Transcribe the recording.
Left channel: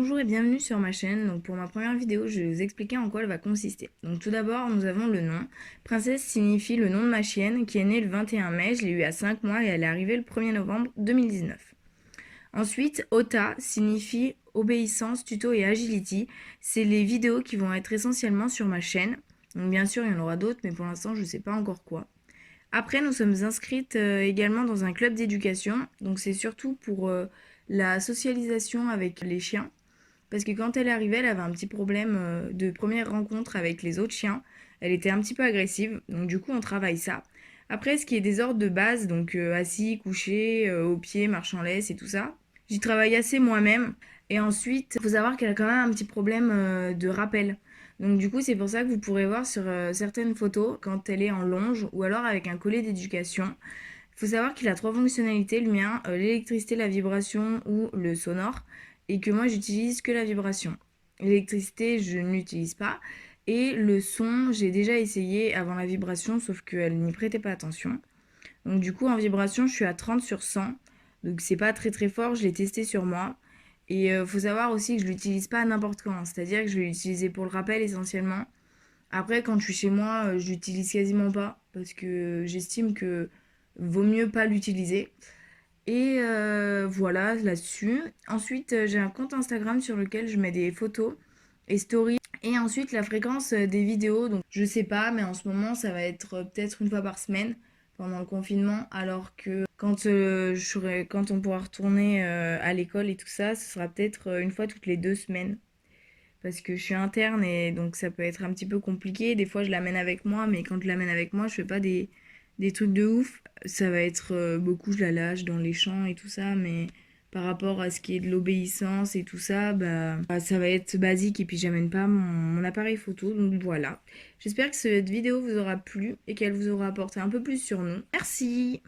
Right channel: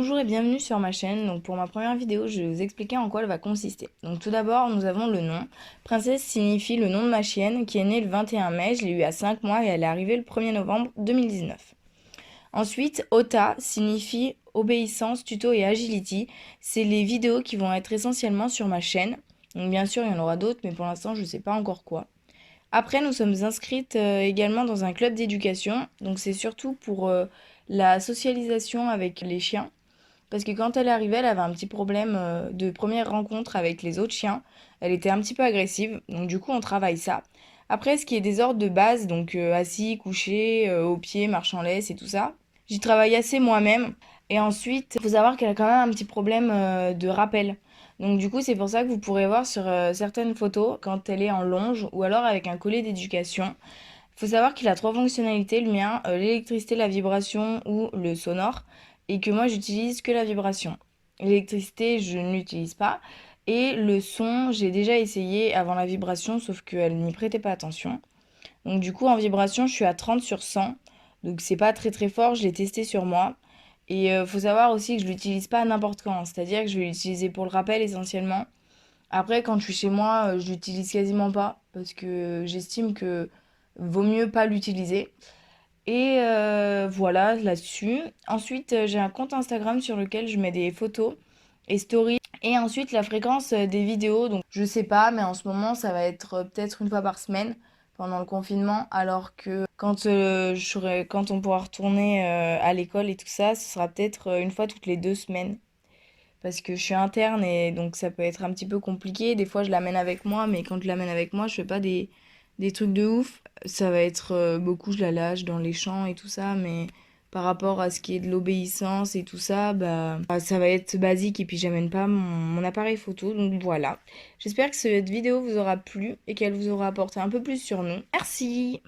Bonjour et bienvenue sur ma chaîne. Donc pour ma première vidéo, je vais vous expliquer en quoi elle va consister. Donc tout d'abord, nous avons le nom. Princesse signifie le nom de ma chienne qui est née le 21 mai. Je l'ai eue à 5 mois et elle est arrivée le 1er novembre 2019. Ensuite, Ota signifie obéissance, tuto et agility. C'est les vidéos qui vont être essentiellement sur ma chaîne. Donc bien sûr, il y en aura d'autres, mais pour l'instant, je ne sais pas encore quoi. Après, nous sommes inscrites également dans un club d'éducation. Donc c'est surtout pour la socialisation avec les chiens. Parce que quand elle est arrivée, elle avait un petit problème de première rencontre avec les autres chiens. Elle était un petit peu agressive, donc du coup on travaille ça. Après, ce qui est des ordres de base, donc assis, couché, au pied, marche en laisse et tout ça, j'y travaille assez moi-même. Et ensuite, il faut savoir qu'elle a quand même un petit problème de rappel. Donc du coup, c'est pour ça que vous pourrez voir sur certaines photos quand elle est en longe ou alors avec un collet d'éducation. Il faut savoir qu'il a trois fonctionnalités, le mien, l'électricité, la vibration ou le sonore, et que moi j'utilise que la vibration. L'électricité, je ne l'utilise pas, et le son, j'ai déjà essayé avant la vibration, sauf qu'elle n'y prêtait pas attention. Donc du coup, en vibration, je suis à 30 sur 100, donc c'est pas très très fort, je l'ai testé sur moi. Et faut savoir aussi que je l'utilise pas n'importe quand, c'est-à-dire que je vais l'utiliser pour le rappel essentiellement. Après, quand je suis chez moi, je l'utilise quasiment pas parce que j'estime que vaut mieux pas l'utiliser. Et voilà là-dessus. Ensuite, j'ai un compte Instagram sur lequel je mets des photos et stories. Et ensuite, la fréquence des vidéos. Donc, je sais pas, mais en ce moment, ça va être peut-être une fois par semaine pendant le confinement. Alors que quand on pourra retourner à l'école et tout ça, ce sera peut-être une fois toutes les 2 semaines parce que je suis interne et donc ça peut être un petit peu compliqué. Des fois, je l'amène avec moi, mais quand je l'amène avec moi, je fais pas des trucs de ouf. Ça va être beaucoup, je la lâche dans les champs et tout ça, mais par rapport à ce qui est de l'obéissance et tout ça, bah, ça va être basique et puis j'amène pas mon appareil photo. Donc voilà. J'espère que cette vidéo vous aura plu et qu'elle vous aura apporté un peu plus sur nous. Merci!